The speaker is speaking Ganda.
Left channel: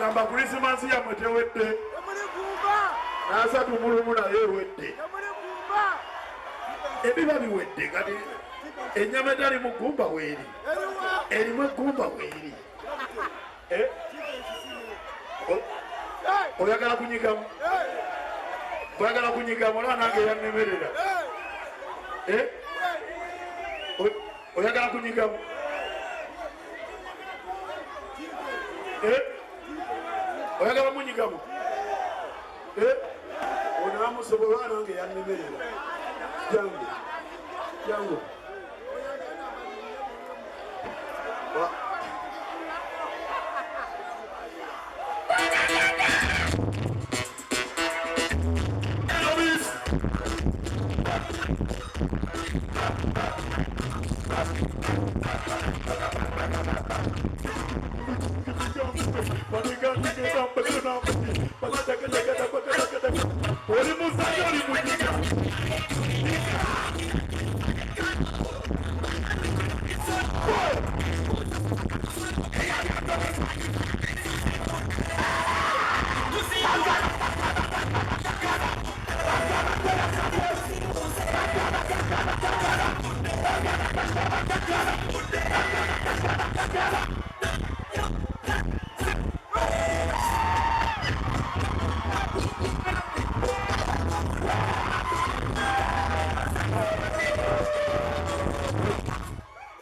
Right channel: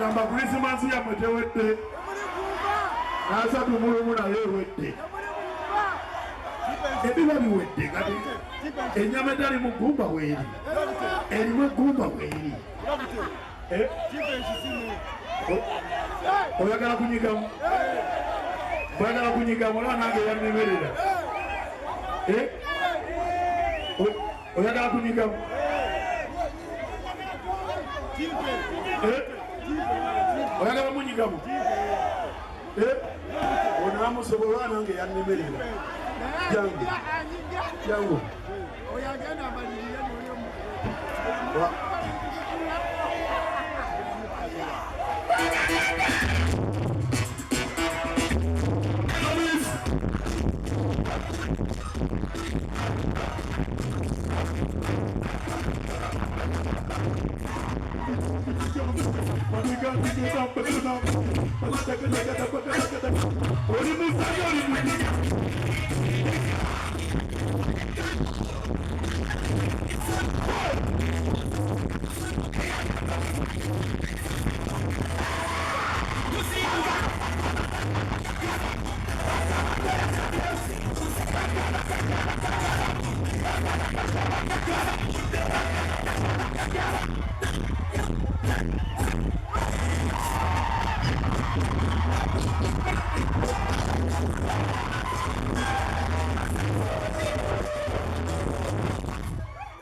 Gamba Christmas ya mwetewete nasa tumulumula yewete ebiba biwedde kati ennyama etali mu ggumba weeri erimu eggumba weeri oyagala kunyigamu oyagala kunyigamu olaba nange yannemerera oyagala kunyigamu oyagala munyigamu onamusobola nange yannemerera jangu jangu